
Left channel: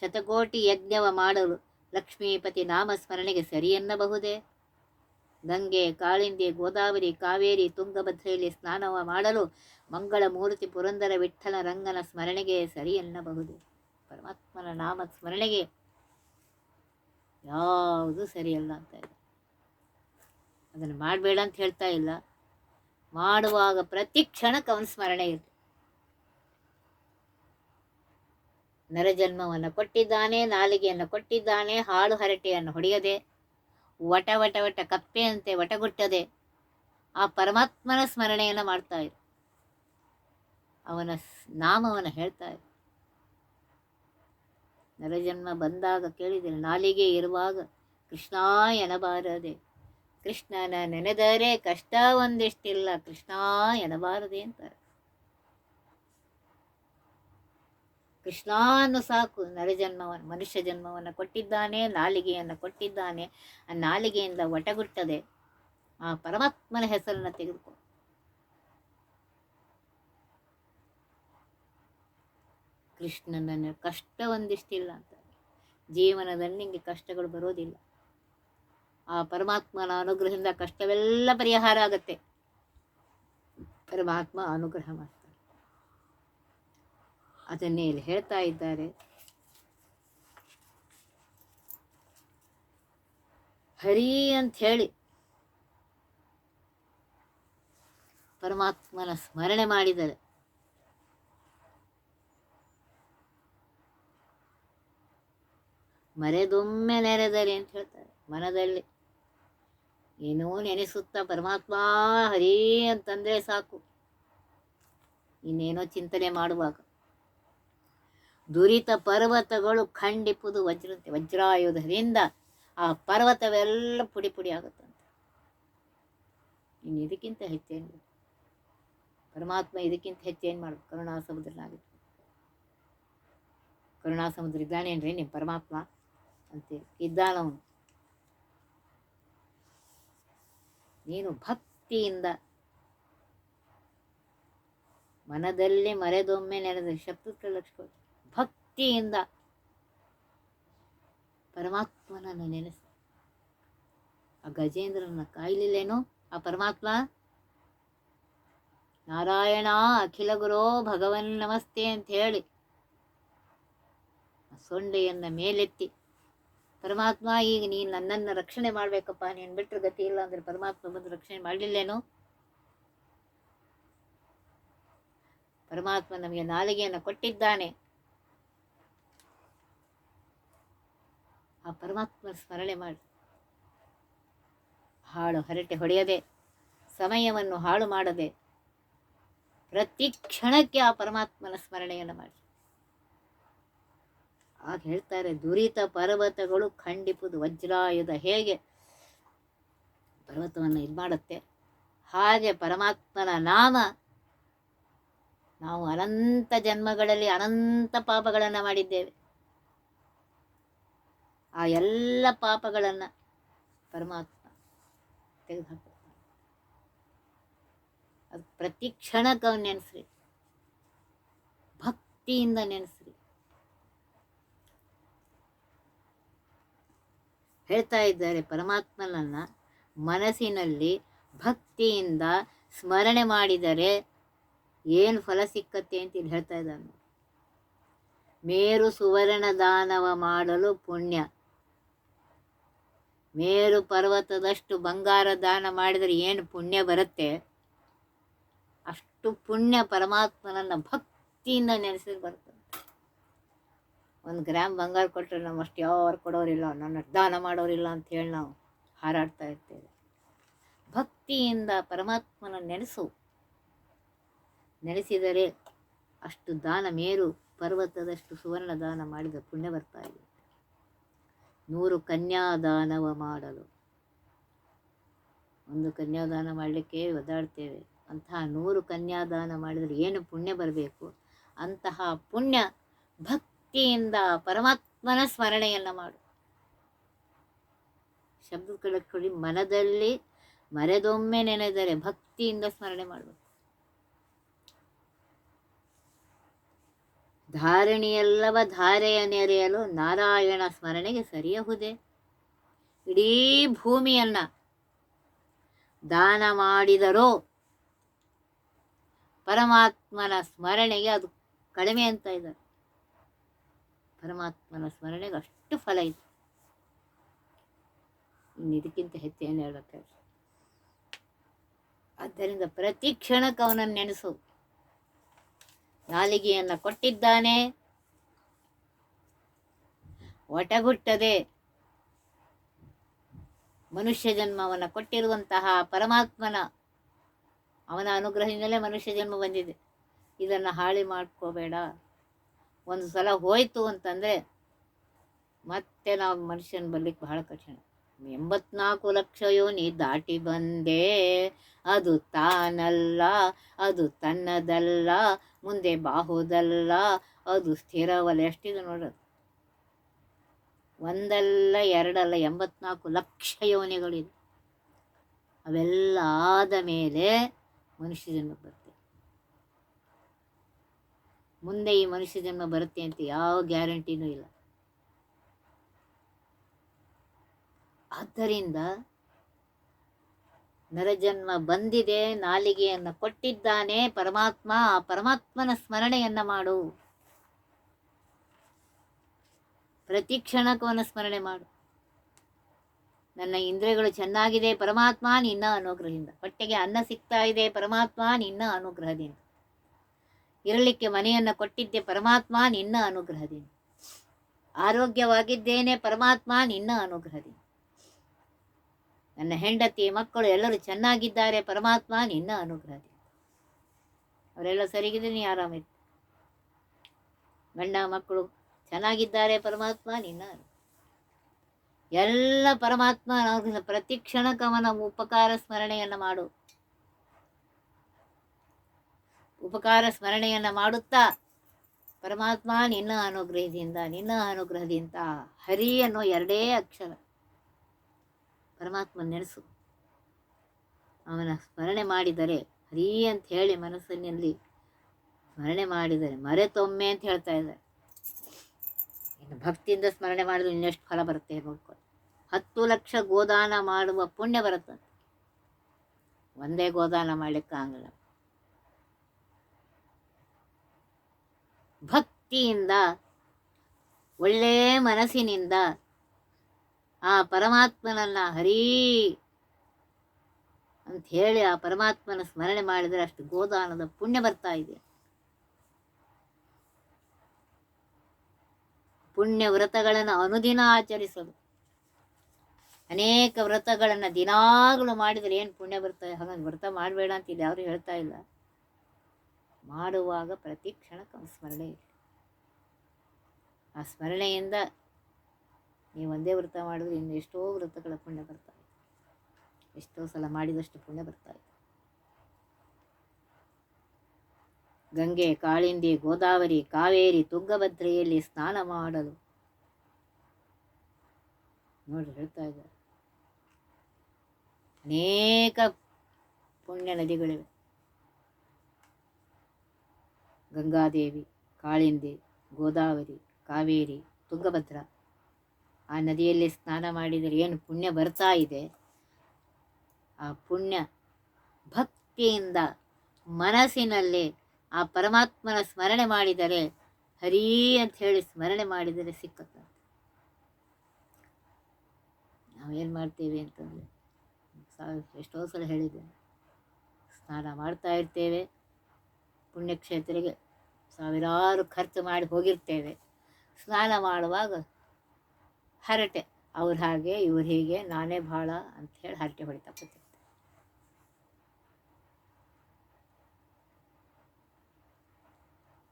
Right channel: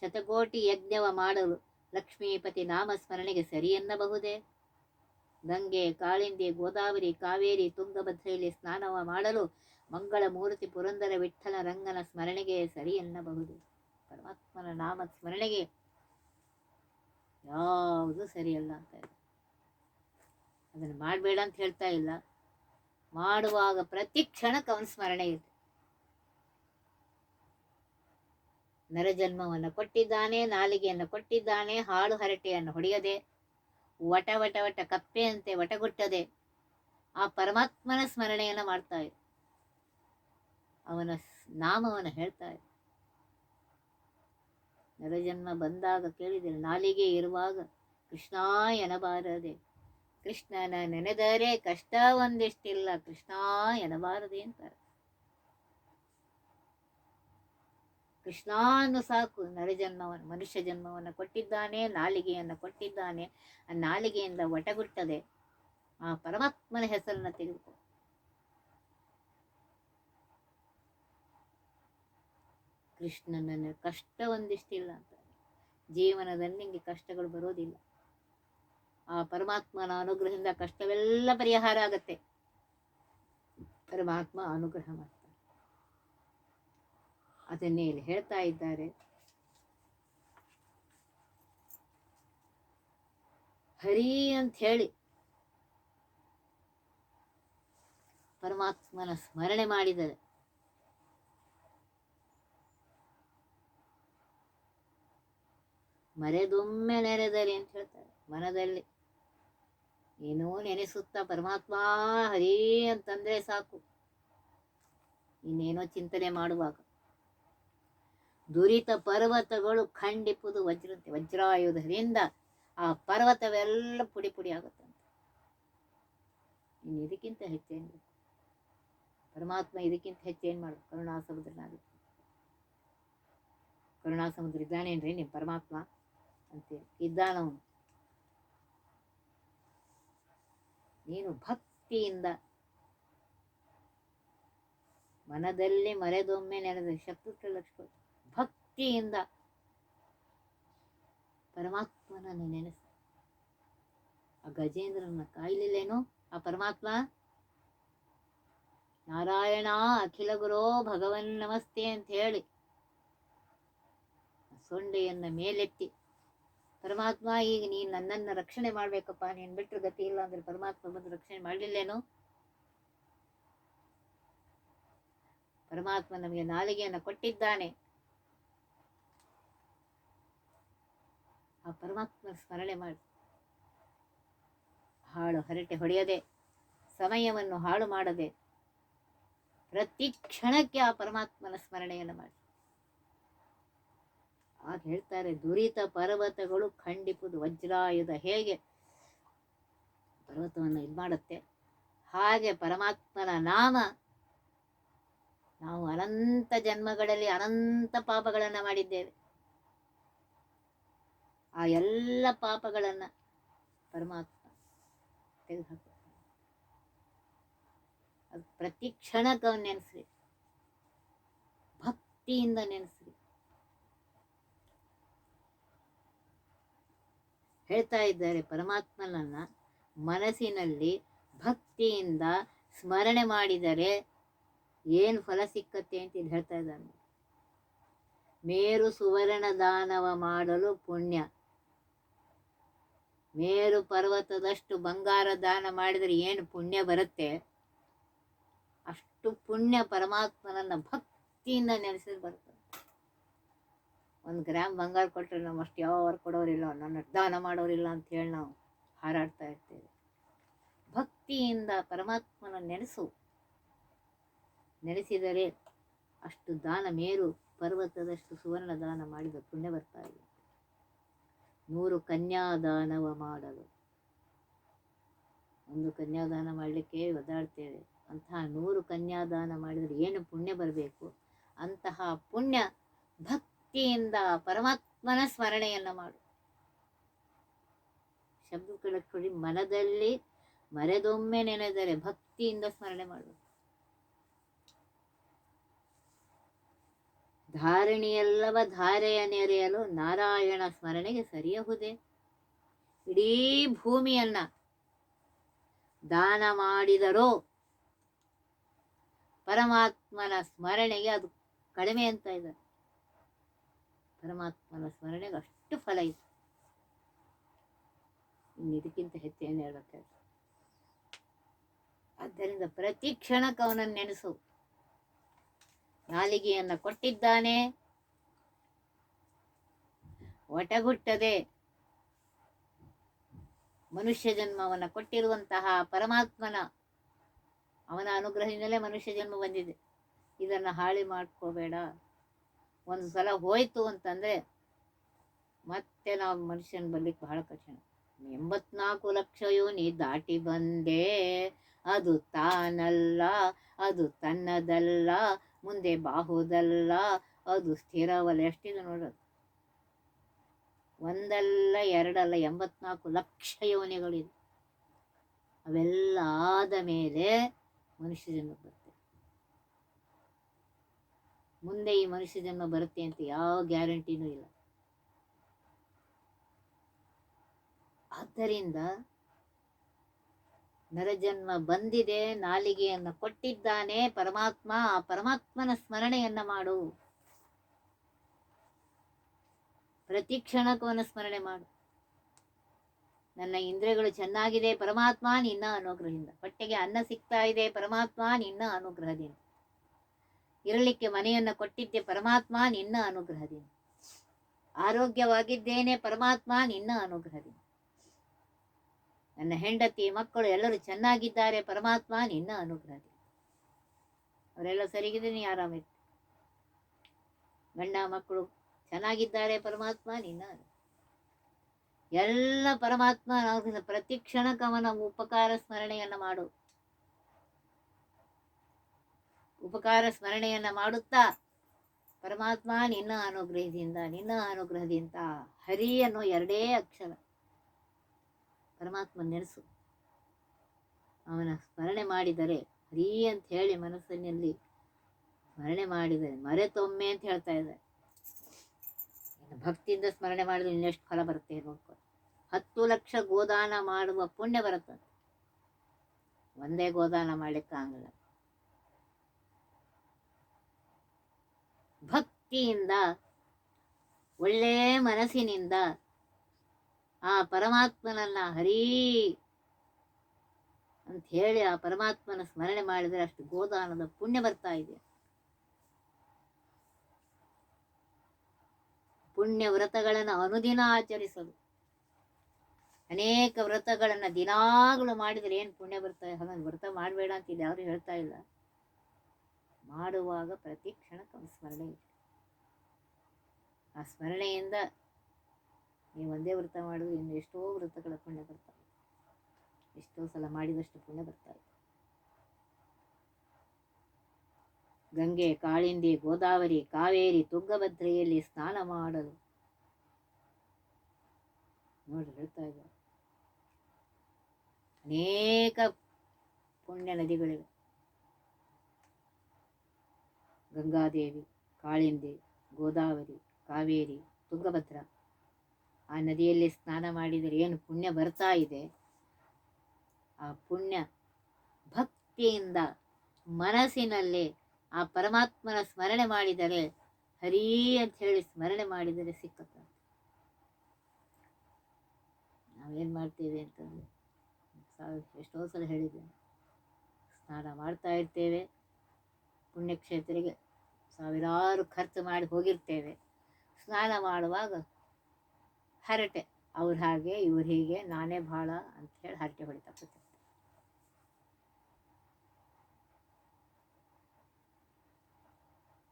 ಶತಕೋಟಿ ಯಜ್ಞವ ಮಾಡಲು ಲಕ್ಷ್ಮೀಪತಿ ನಾಮ ಸ್ಮರಣೆಗೆ ಸರಿಯನ್ನಬಹುದೇ ಗಂಗೆ, ಕಾಳಿಂದಿ, ಗೋದಾವರಿ, ಕಾವೇರಿ, ತುಂಗಭದ್ರೆಯಲ್ಲಿ ಸ್ನಾನ ಮಾಡಲು ಮಂಗಳ ಮೂರ್ತಿ ಪುರಂದರ ವಿಠ್ಠಲ ರಂಗನ ಸ್ಮರಣೆಗೆ ಸರಿ ಎನ್ನಬಹುದು. ಪರಮಾತ್ಮನ ನಾಮ ಸ್ಮರಣೆಗೆ ಯಾವುದು ಸರಿಯಲ್ಲ ಅಂತ ಇಲ್ಲ. ಅದನ್ನು ಮಾಡಬೇಡ ಅಂತ ಹೇಳ್ತಾ ಇಲ್ಲ. ಮಾಡುವಾಗ ಪ್ರತಿ ಕ್ಷಣಕ್ಕೆ ಅವನ ಸ್ಮರಣೆ ಇರುತ್ತೆ ನರಜನ್ಮವನ್ನು ಕೊಟ್ಟಿದ್ದಾನೆ, ನಾಲಿಗೆಯನ್ನು ಕೊಟ್ಟಿದ್ದಾನೆ, ಹಾಳು ಹರಟೆಯನ್ನು ಹೊಡೆಯದೆ, ವಟ ವಟ ವಟ ಕಪ್ಪೆಯಂತೆ ವಟಗುಟ್ಟದೆ, ಆ ಪರಮಾತ್ಮನ ಸ್ಮರಣೆಯನ್ನು ಮಾಡ್ತಾ ಇರು. ಅವನ ನಾಮವನ್ನು ಹೇಳ್ತಾ ಇರು. ನರಜನ್ಮ ಬಂದಾಗ ಕೇಳಿದರೆ ನಾಲಿಗೆ ಇರುವಾಗ ಕೃಷ್ಣ ಎನಬಾರದೆ ಕೃಷ್ಣನ ನೆನೆದರೆ ಕಷ್ಟ ಒಂದಿಷ್ಟಿಲ್ಲ ಕೃಷ್ಣ ಎನಬಾರದೆ ಅಂತಾರೆ. ಕೃಷ್ಣ ಸಾಕು ನರಜನ್ಮವನ್ನು ಮನುಷ್ಯ ಜನ್ಮವನ್ನು ಕೊಟ್ಟಿದ್ದಾನೆ, ನಾಲಿಗೆಯನ್ನು ಕೊಟ್ಟಿದ್ದಾನೆ, ಆ ನಾಲಿಗೆಯಿಂದ ಒಟಗುಟ್ಟದೆ ಆ ಪರಮಾತ್ಮನ ಹೆಸರನ್ನು ತೆಗೆದುಕೊ. ಕೃಷ್ಣನನ್ನು ಕಷ್ಟ ಒಂದಿಷ್ಟಿಲ್ಲ ಅಂತ. ಜೀವನದಲ್ಲಿ ನಿಮಗೆ ಕಷ್ಟಗಳು ಬರೋದಿಲ್ಲ. ಆ ಪರಮಾತ್ಮನ ಅನುಗ್ರಹದಿಂದ ಕಷ್ಟವೆಲ್ಲ ಪರಿಹಾರ ಆಗತ್ತೆ. ಪರಮಾತ್ಮ ಅನುಗ್ರಹ ಮಾಡ್ತಾನೆ ಅದನ್ನೇ ಇಲ್ಲಿ ಹೇಳ್ತಾ ಇದ್ದಾರೆ. ಹರಿ ಅಂತ ಹೇಳಿ ಪರಮಾತ್ಮನ ಸ್ಮರಣೆ ಮಾಡಿದರೆ ಮರೆದೊಮ್ಮೆ ನೆರೆದರೆ ಅಂತ ಹೇಳ್ತಾರೆ ಮನದಲ್ಲಿ. ಏನೋ ನೆನೆಸುತ್ತಾ ಪರಮಾತ್ಮ ಹರಿ ಅಂತಂದ್ರೆ ಸಾಕು. ಇನ್ನೇನೋ ಚಿಂತನೆ ಮಾಡುವಾಗ. ದುರಿತ ಪರ್ವತಗಳು ಖಂಡಿಪುದು ವಜ್ರ ವಜ್ರಾಯುಧದಿಂದ ಆ ಪರ್ವತವೆಲ್ಲ ಪುಡಿ ಪುಡಿ ಆಗುತ್ತಂತೆ. ಇನ್ನು ಇದಕ್ಕಿಂತ ಹೆಚ್ಚೇನು? ಪರಮಾತ್ಮ ಇದಕ್ಕಿಂತ ಹೆಚ್ಚೇನು ಮಾಡ್ಬೇಕು? ಕರುಣಾ ಸಮುದ್ರನಾಗ ಕರುಣಾ ಸಮುದ್ರ ಇದ್ದಾನೇನ್ರಿ ನಿಮ್ಮ ಪರಮಾತ್ಮ ಅಂತೇಳಿ. ಇದ್ದಾನವನು. ನೀನು ಭಕ್ತಿಯಿಂದ ಮನದಲ್ಲಿ ಮರೆದೊಮ್ಮೆ ನೆನೆದ ಶಬ್ದಕ್ಕೆ ಲಕ್ಷ್ಯ ಭಕ್ತಿಯಿಂದ ಪರಮಾತ್ಮನನ್ನು ನೆನೆಸ ಆ ಗಜೇಂದ್ರನ ಕಾಯ್ಲಿಲ್ಲೇನೋ? ಆ ಪರಮಾತ್ಮ? ನಾರಾಯಣ ಅಖಿಲ ಗುರೋ ಭಗವನ್ ನಮಸ್ತೆ ಅಂತ ಹೇಳಿ ಸೊಂಡೆಯನ್ನ ಮೇಲೆತ್ತಿ, ಪರಮಾತ್ಮ, ಈಗ ನೀನು ನನ್ನನ್ನು ರಕ್ಷಣೆ ಮಾಡ್ಬೇಕಪ್ಪ, ನೀನು ಬಿಟ್ಟರೆ ಗತಿ ಇಲ್ಲ ಅಂದ್ರೆ ಪರಮಾತ್ಮ ಬಂದು ರಕ್ಷಣೆ ಮಾಡ್ಲಿಲ್ಲೇನು? ಪರಮಾತ್ಮ ನಮಗೆ ನಾಲಿಗೆಯನ್ನು ಕೊಟ್ಟಿದ್ದಾನೆ. ಆ ಪರಮಾತ್ಮ ಸ್ಮರಣೆ ಮಾಡಿ. ಹಾಳು ಹರಟೆ ಹೊಡೆಯದೆ, ಸಮಯವನ್ನು ಹಾಳು ಮಾಡದೆ, ಪ್ರತಿ ಕ್ಷಣಕ್ಕೆ ಆ ಪರಮಾತ್ಮನ ಸ್ಮರಣೆಯನ್ನು ಮಾಡಿ. ಆಗ ಹೇಳ್ತಾರೆ, ದುರಿತ ಪರ್ವತಗಳು ಖಂಡಿಪುದು, ವಜ್ರಾಯುಧ ಹೇಗೆ ಪರ್ವತವನ್ನು ಇದು ಮಾಡುತ್ತೆ? ಹಾಗೆ ಪರಮಾತ್ಮನ ನಾಮ, ನಾವು ಅನಂತ ಜನ್ಮಗಳಲ್ಲಿ ಅನಂತ ಪಾಪಗಳನ್ನು ಮಾಡಿದ್ದೇವೆ. ಆ ಎಲ್ಲ ಪಾಪಗಳನ್ನು ಪರಮಾತ್ಮ ತೆಗೆದುಹಾಕ್ತಾನೆ ಅದು ಪ್ರತಿ ಕ್ಷಣಕ್ಕೆ ಅವ್ನು ನೆನೆಸ್ರಿ. ಭಕ್ತಿಯಿಂದ ನೆನೆಸ್ರಿ. ಹೇಳ್ತಾ ಇದ್ದಾರೆ ಪರಮಾತ್ಮನನ್ನ ಮನಸ್ಸಿನಲ್ಲಿ ಭಕ್ತಿಯಿಂದ ಸ್ಮರಣೆ ಮಾಡಿದರೆ ಏನು ಫಲ ಸಿಕ್ಕತ್ತೆ ಅಂತ ಇಲ್ಲಿ ಹೇಳ್ತಾ ಇದ್ದಾನೆ. ಮೇರು ಸುವರ್ಣ ದಾನವ ಮಾಡಲು ಪುಣ್ಯ. ಮೇರು ಪರ್ವತದಷ್ಟು ಬಂಗಾರ ದಾನ ಮಾಡಿದರೆ ಏನು ಪುಣ್ಯ ಬರುತ್ತೆ? ಅಷ್ಟು ಪುಣ್ಯ ಪರಮಾತ್ಮನನ್ನು ಭಕ್ತಿಯಿಂದ ನೆನೆಸಿದ್ರೆ ಬರುತ್ತೆ. ಒಂದು ಗ್ರಾಮ್ ಬಂಗಾರ ಕೊಟ್ಟರೆ ನಮ್ಮ ಅಷ್ಟು ಯಾರು ಕೊಡೋರಿಲ್ಲ, ನನ್ನ ದಾನ ಮಾಡೋರಿಲ್ಲ ಅಂತ ಹೇಳಿ ನಾವು ಹಾರಾಡ್ತಾ ಇರ್ತೇವೆ. ಭಕ್ತಿಯಿಂದ ಪರಮಾತ್ಮನ ನೆನೆಸು. ನೆನೆಸಿದರೆ ಅಷ್ಟು ದಾನ ಮೇರು ಪರ್ವತದಷ್ಟು ಸುವರ್ಣ ದಾನ ಮಾಡಿದ ಪುಣ್ಯ ಬರ್ತಾ ಇದೆ. ನೂರು ಕನ್ಯಾದಾನವ ಮಾಡಲು. ಒಂದು ಕನ್ಯಾದಾನ ಮಾಡಲಿಕ್ಕೆ ಒದ್ದಾಡ್ತೇವೆ. ಅಂತಹ ನೂರು ಕನ್ಯಾದಾನ ಮಾಡಿದರೆ ಏನು ಪುಣ್ಯ ಬರಬೇಕು? ಅಂತಹ ಪುಣ್ಯ ಭಕ್ತಿಯಿಂದ ಪರಮಾತ್ಮನ ಸ್ಮರಣೆಯನ್ನು ಮಾಡು. ಶಬ್ದಗಳ ಕೊಡಿ ಮನದಲ್ಲಿ ಮರೆದೊಮ್ಮೆ ನೆನೆದರೆ ಭಕ್ತಿಯಿಂದ ಸ್ಮರಣೆ ಮಾಡಬೇಕು. ಧಾರಣಿಯಲ್ಲವ ಧಾರೆಯ ನೆರೆಯಲು ನಾರಾಯಣ ಸ್ಮರಣೆಗೆ ಸರಿಯಹುದೇ? ಇಡೀ ಭೂಮಿಯನ್ನ ದಾನ ಮಾಡಿದರೋ ಪರಮಾತ್ಮನ ಸ್ಮರಣೆಗೆ ಅದು ಕಡಿಮೆ ಅಂತ ಇದ್ದಾರೆ. ಪರಮಾತ್ಮನ ಸ್ಮರಣೆಗೆ ಅಷ್ಟು ಫಲ ಇದೆ ಇನ್ನು ಇದಕ್ಕಿಂತ ಹೆಚ್ಚೇನು ಏನು ಹೇಳಕ್ಕೆ ಆದ್ದರಿಂದ ಪ್ರತಿ ಕ್ಷಣಕ್ಕೆ ಅವನನ್ನು ನೆನೆಸು. ನಾಲಿಗೆಯನ್ನು ಕೊಟ್ಟಿದ್ದಾನೆ. ಒಟಗುಟ್ಟದೆ ಮನುಷ್ಯ ಜನ್ಮವನ್ನು ಕೊಟ್ಟಿರುವಂತಹ ಪರಮಾತ್ಮನ ಅವನ ಅನುಗ್ರಹದಿಂದಲೇ ಮನುಷ್ಯ ಜನ್ಮ ಬಂದಿದೆ. ಇದನ್ನು ಹಾಳಿ ಮಾಡ್ಕೋಬೇಡ. ಒಂದು ಸಲ ಹೋಯ್ತು ಅಂತಂದರೆ ಮತ್ತೆ ನಾವು ಮನುಷ್ಯನ ಬರ್ಲಿಕ್ಕೆ ಬಹಳ ಕಠಿಣ. ಎಂಬತ್ನಾಲ್ಕು ಲಕ್ಷ ಯೋನಿ ದಾಟಿ ಬಂದೆ, ಅದು ತಾನಲ್ಲ, ಅದು ತನ್ನದಲ್ಲ ಮುಂದೆ ಬಾಹುದಲ್ಲ, ಅದು ಸ್ಥಿರವಲ್ಲ. ಎಷ್ಟಿದೆ ನೋಡೋದು ಒಂದಲ್ಲ, ಎರಡಲ್ಲ, ಎಂಬತ್ನಾಲ್ಕು ಲಕ್ಷ ಯೋನಿಗಳಿದೆ ಅವೆಲ್ಲ ಆದ ಮೇಲೆ ಮನುಷ್ಯ ಜನ್ಮ ಬರುತ್ತೆ. ಮುಂದೆ ಈ ಮನುಷ್ಯ ಜನ್ಮ ಬರುತ್ತೆ ಅಂತ ಯಾವ ಗ್ಯಾರಂಟಿನೂ ಇಲ್ಲ. ಆದ್ದರಿಂದ ನರಜನ್ಮ ಬಂದಿದೆ, ನಾಲಿಗೆಯನ್ನು ಕೊಟ್ಟಿದ್ದಾನೆ, ಪರಮಾತ್ಮ, ಆ ಪರಮಾತ್ಮನ ಸ್ಮರಣೆಯನ್ನ ಮಾಡು. ಪ್ರತಿ ಕ್ಷಣಕ್ಕವನ್ನ ಸ್ಮರಣೆ ಮಾಡು. ನನ್ನ ಇಂದ್ರಿಯಗಳು ಚೆನ್ನಾಗಿದೆ, ಪರಮಾತ್ಮ ನಿನ್ನ ಅನುಗ್ರಹದಿಂದ. ಹೊಟ್ಟೆಗೆ ಅನ್ನ ಸಿಗ್ತಾ ಇದೆ, ಪರಮಾತ್ಮ ನಿನ್ನ ಅನುಗ್ರಹದಿಂದ. ಇರಲಿಕ್ಕೆ ಮನೆಯನ್ನು ಕೊಟ್ಟಿದ್ದೆ, ಪರಮಾತ್ಮ ನಿನ್ನ ಅನುಗ್ರಹದಿಂದ. ಆರೋಗ್ಯವಾಗಿದ್ದೇನೆ, ಪರಮಾತ್ಮ ನಿನ್ನ ಅನುಗ್ರಹದಿಂದ. ನನ್ನ ಹೆಂಡತಿ ಮಕ್ಕಳು ಎಲ್ಲರೂ ಚೆನ್ನಾಗಿದ್ದಾರೆ, ಪರಮಾತ್ಮ ನಿನ್ನ ಅನುಗ್ರಹ ಅವರೆಲ್ಲ ಸರಿಗಿದ್ರೆ ನೀ ಆರಾಮಿತ್ತು ಗಂಡ ಮಕ್ಕಳು ಚೆನ್ನಾಗಿದ್ದಾರೆ, ಪರಮಾತ್ಮ ನಿನ್ನ ಎಲ್ಲ ಪರಮಾತ್ಮ ಪ್ರತಿ ಕ್ಷಣ ಅವನ ಉಪಕಾರ ಸ್ಮರಣೆಯನ್ನು ಮಾಡು. ಉಪಕಾರ ಸ್ಮರಣೆಯನ್ನು ಮಾಡುತ್ತಾ ಪರಮಾತ್ಮ ನಿನ್ನ ಅನುಗ್ರಹದಿಂದ ನಿನ್ನ ಅನುಗ್ರಹದಿಂದ ಹರಿ ಅನ್ನೋ ಎರಡೇ ಅಕ್ಷರ. ಪರಮಾತ್ಮ ನೆನೆಸು ಅವನ ಸ್ಮರಣೆ ಮಾಡಿದರೆ, ಹರಿ ಅಂತ ಹೇಳಿ ಮನಸ್ಸಿನಲ್ಲಿ ಸ್ಮರಣೆ ಮಾಡಿದರೆ, ಮರೆತೊಮ್ಮೆ ಅಂತ ಹೇಳ್ತಾ ಇದ್ದಾರೆ. ಇನ್ನು ಭಕ್ತಿಯಿಂದ ಸ್ಮರಣೆ ಮಾಡಿದ್ರೆ ಇನ್ನೆಷ್ಟು ಫಲ ಬರುತ್ತೆ ಇರಬೇಕು ಹತ್ತು ಲಕ್ಷ ಗೋದಾನ ಮಾಡುವ ಪುಣ್ಯ ಬರುತ್ತೆ. ಒಂದೇ ಗೋದಾನ ಮಾಡಲಿಕ್ಕಾಗಲ್ಲ ಭಕ್ತಿಯಿಂದ, ಒಳ್ಳೆ ಮನಸ್ಸಿನಿಂದ ಆ ಪರಮಾತ್ಮನನ್ನ ಹರೀ ಅಂತ ಹೇಳಿ ಆ ಪರಮಾತ್ಮನ ಸ್ಮರಣೆ ಮಾಡಿದರೆ ಅಷ್ಟು ಗೋದಾನದ ಪುಣ್ಯ ಬರ್ತಾ ಇದೆ. ಪುಣ್ಯ ವ್ರತಗಳನ್ನು ಅನುದಿನ ಆಚರಿಸೋದು. ಅನೇಕ ವ್ರತಗಳನ್ನು ದಿನಾಗಲೂ ಮಾಡಿದರೆ ಏನು ಪುಣ್ಯ ಬರ್ತದೆ ಹಾಗಾಗಿ ವ್ರತ ಮಾಡಬೇಡ ಅಂತ ಇಲ್ಲಿ ಯಾರು ಹೇಳ್ತಾ ಇಲ್ಲ. ಮಾಡುವಾಗ ಪ್ರತಿ ಕ್ಷಣಕ್ಕೆ ಸ್ಮರಣೆ ಆ ಸ್ಮರಣೆಯಿಂದ ನೀವು ಒಂದೇ ವ್ರತ ಮಾಡಿದ್ರೆ ಇನ್ನು ಎಷ್ಟೋ ವ್ರತಗಳ ಪುಣ್ಯ ಬರ್ತಾ ಇದೆ ಎಷ್ಟೋ ಸಲ ಮಾಡಿದಷ್ಟು ಪುಣ್ಯ ಬರ್ತಾ ಇದೆ ಗಂಗೆ, ಕಾಳಿಂದಿ, ಗೋದಾವರಿ, ಕಾವೇರಿ, ತುಂಗಭದ್ರೆಯಲ್ಲಿ ಸ್ನಾನ ಮಾಡಲು. ನೋಡ್ರಿ ಹೇಳ್ತಾ ಇದ್ದಾರೆ. ಅನೇಕ ಪುಣ್ಯ ನದಿಗಳಿವೆ. ಗಂಗಾದೇವಿ, ಕಾಳಿಂದಿ, ಗೋದಾವರಿ, ಕಾವೇರಿ, ತುಂಗಭದ್ರ. ಆ ನದಿಯಲ್ಲಿ ಸ್ನಾನ ಮಾಡಿದರೆ ಏನು ಪುಣ್ಯ ಬರ್ತಾ ಇದೆ? ಆ ಪುಣ್ಯ ಭಕ್ತಿಯಿಂದ ಮನಸ್ಸಿನಲ್ಲಿ ಆ ಪರಮಾತ್ಮನ ಸ್ಮರಣೆ ಮಾಡಿದರೆ, ಹರಿ ಅಂತ ಹೇಳಿ ಸ್ಮರಣೆ ಮಾಡಿದರೆ ಸಿಕ್ಕುತ್ತೆ. ನಾವೇನು ಮಾಡ್ತೇವೆ ಅಂತಂದರೆ ಎಷ್ಟೋ ಸಲ ಹೇಳಿದ್ದೇನೆ. ಸ್ನಾನ ಮಾಡ್ತಾ ಇರ್ತೇವೆ. ಪುಣ್ಯಕ್ಷೇತ್ರಕ್ಕೆ ಸಾವಿರಾರು ಖರ್ಚು ಮಾಡಿ ಹೋಗಿರ್ತೇವೆ. ಸ್ನಾನ ಮಾಡುವಾಗ ಹರಟೆ. ಅವ್ರು ಹಾಗೆ, ಇವ್ರು ಹೀಗೆ, ನಾನೇ ಭಾಳ ಅಂತ ಹೇಳಿ ಹರಟೆ ಹೊಡಿತಾ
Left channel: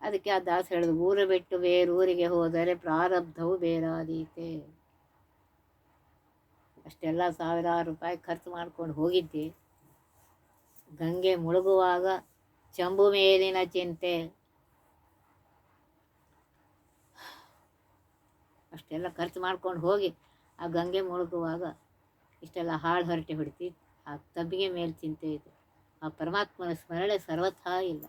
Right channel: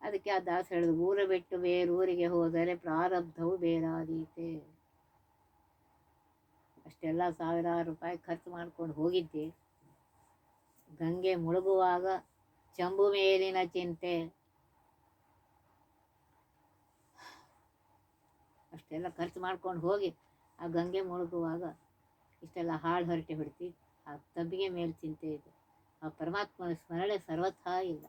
ಅದಕ್ಕೆ ಆ ದಾಸ ಹೇಳಿದ್ರು ಊರು ಬಿಟ್ಟು ಬೇರೂರಿಗೆ ಹೋದರೆ ಪ್ರಾರಬ್ಧವು ಬೇರಾದೀತೆ. ಅಷ್ಟೆಲ್ಲ ಸಾವಿರಾರು ರೂಪಾಯಿ ಖರ್ಚು ಮಾಡ್ಕೊಂಡು ಹೋಗಿದ್ದೆ. ಗಂಗೆ ಮುಳುಗುವಾಗ, ಚಂಬು ಮೇಲಿನ ಚಿಂತೆ ಅಷ್ಟೆಲ್ಲ ಖರ್ಚು ಮಾಡ್ಕೊಂಡು ಹೋಗಿ ಆ ಗಂಗೆ ಮುಳುಗುವಾಗ ಇಷ್ಟೆಲ್ಲ ಹಾಳು ಹೊರಟೆ ಹೊಡಿತಿ ಆ ತಬ್ಬಿಗೆ ಮೇಲೆ ಚಿಂತೆ ಇದೆ. ಆ ಪರಮಾತ್ಮನ ಸ್ಮರಣೆ ಸರ್ವಥಾ ಇಲ್ಲ.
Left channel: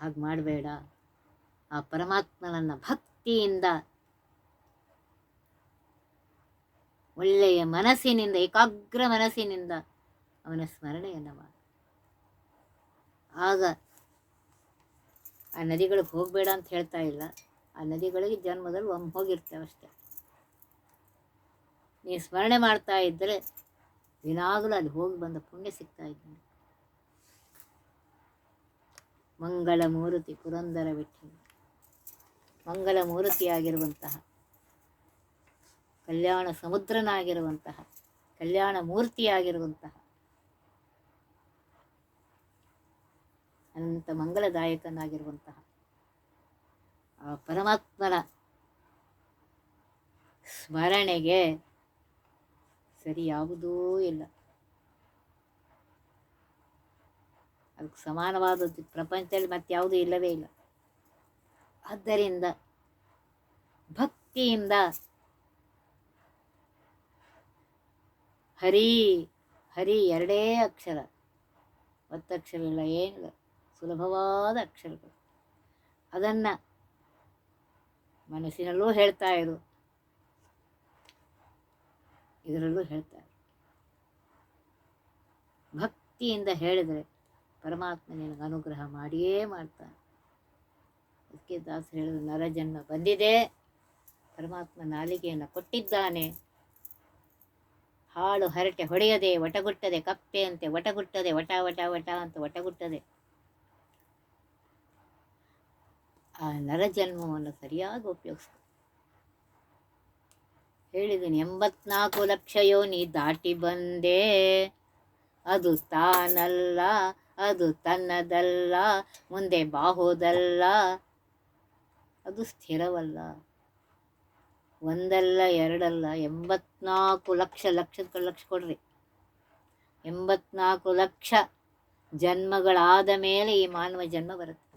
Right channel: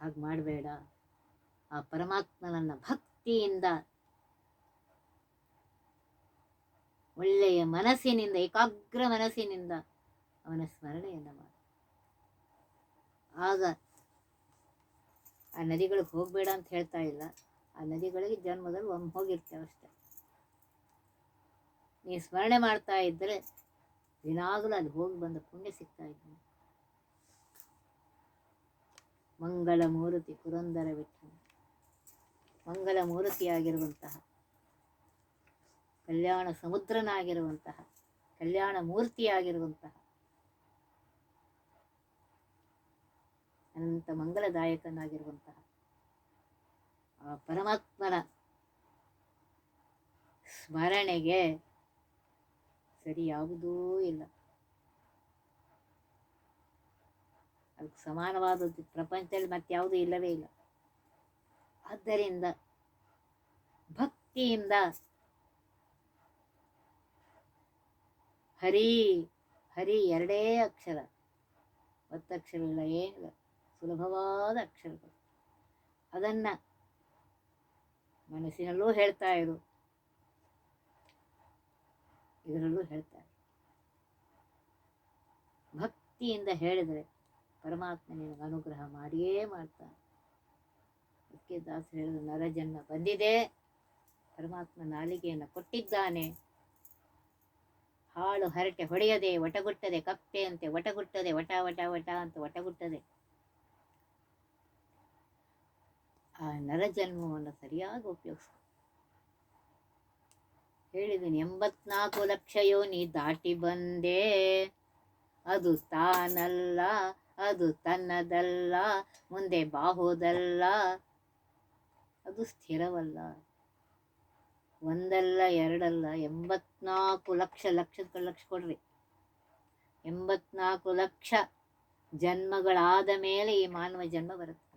ಹಾಗೆ ಮಾಡಬೇಡ. ಆ ಪರಮಾತ್ಮನನ್ನು ಭಕ್ತಿಯಿಂದ ಒಳ್ಳೆಯ ಮನಸ್ಸಿನಿಂದ, ಏಕಾಗ್ರ ಮನಸ್ಸಿನಿಂದ ಅವನ ಸ್ಮರಣೆಯನ್ನು ಮಾಡಿ. ಆಗ ಆ ನದಿಗಳಿಗೆ ಹೋಗಬೇಡ ಅಂತ ಹೇಳ್ತಾ ಇಲ್ಲ. ಆ ನದಿಗಳಿಗೆ ಜನ್ಮದಲ್ಲಿ ಒಮ್ಮೆ ಹೋಗಿರ್ತೇವೆ ಅಷ್ಟೆ. ನೀ ಸ್ಮರಣೆ ಮಾಡ್ತಾ ಇದ್ದರೆ ದಿನಾಗಲೂ ಅಲ್ಲಿ ಹೋಗಿ ಬಂದ ಪುಣ್ಯ ಸಿಗ್ತಾ ಇದ್ದಾನೆ ಮಂಗಳ ಮೂರ್ತಿ ಪುರಂದರ ವಿಠಲ ಮಂಗಳ ಮೂರ್ತಿಯಾಗಿರುವಂತಹ, ಕಲ್ಯಾಣ ಸಮುದ್ರನಾಗಿರುವಂತಹ, ಕಲ್ಯಾಣ ಮೂರ್ತಿಯಾಗಿರುವಂತಹ ಅನಂತ ಮಂಗಲದಾಯಕನಾಗಿರುವಂತಹ ಆ ಪರಮಾತ್ಮನ ಸ್ಮರಣೆಗೆ ಸರಿ ಯಾವುದೂ ಇಲ್ಲ. ಅದಕ್ಕೆ ಸಮಾನವಾದದ್ದು ಪ್ರಪಂಚದಲ್ಲಿ ಮತ್ತಾವುದೂ ಇಲ್ಲವೇ ಇಲ್ಲ. ಆದ್ದರಿಂದ ಭಕ್ತಿಯಿಂದ ಹರಿ ಹರಿ ಎರಡೇ ಅಕ್ಷರ ಒತ್ತಕ್ಷರವಿಲ್ಲ ಏನಿಲ್ಲ. ಸುಲಭವಾದ ಅಕ್ಷರಗಳು. ಅದನ್ನು ಮನಸ್ಸಿನಲ್ಲೂ ಹೇಳ್ತಾ ಇರು. ಇದರಲ್ಲೂ ಹೇಳ್ತಾರೆ ಭಕ್ತಿಯಿಂದ ಹೇಳಿದರೆ ಪರಮಾತ್ಮ ನಿನಗೆ ಅನುಗ್ರಹ ಮಾಡಿಯೇ ಮಾಡ್ತಾನೆ. ಅದಕ್ಕೆ ದಾಸ ಹೇಳಿದ ನರಜನ್ಮ ಬಂದಿದೆ. ಪರಮಾತ್ಮ ನಾಲಿಗೆಯನ್ನು ಕೊಟ್ಟಿದ್ದಾನೆ. ಹಾಳು ಹರಟೆ ಹೊಡೆಯದೆ, ವಟಗುಟ್ಟದೆ ಕಪ್ಪೆ ಅಂತೆ ವಟಗುಟ್ಟದೆ, ವಟ ವಟ ವಟ ಅಂತ ಒಟಗುಟ್ಟದೆ ಆ ನರಜನ್ಮವನ್ನು ಸರಿಯಾಗಿ ಉಪಯೋಗಿಸ್ತಾರೆ ಹೇಳಿದ್ದೀನಿ ಎಂಬತ್ನಾಲ್ಕು ಲಕ್ಷ ಯೋನಿ ದಾಟಿ ಬಂದೆ, ಅದು ತಾನಲ್ಲ, ಅದು ತನ್ನದಲ್ಲ, ಮುಂದೆ ಬಾಹೋದಲ್ಲ, ಅದು ಸ್ಥಿರವಲ್ಲ. ಒಂದಲ್ಲ, ಎರಡಲ್ಲ, ಎಂಬತ್ನಾಲ್ಕು ಲಕ್ಷ ಲಕ್ಷದ ಲಕ್ಷ ಕೊಡ್ರಿ. ಎಂಬತ್ನಾಲ್ಕು ಲಕ್ಷ ಜನ್ಮಗಳಾದ ಮೇಲೆ ಈ ಮಾನವ ಜನ್ಮ ಬರುತ್ತೆ.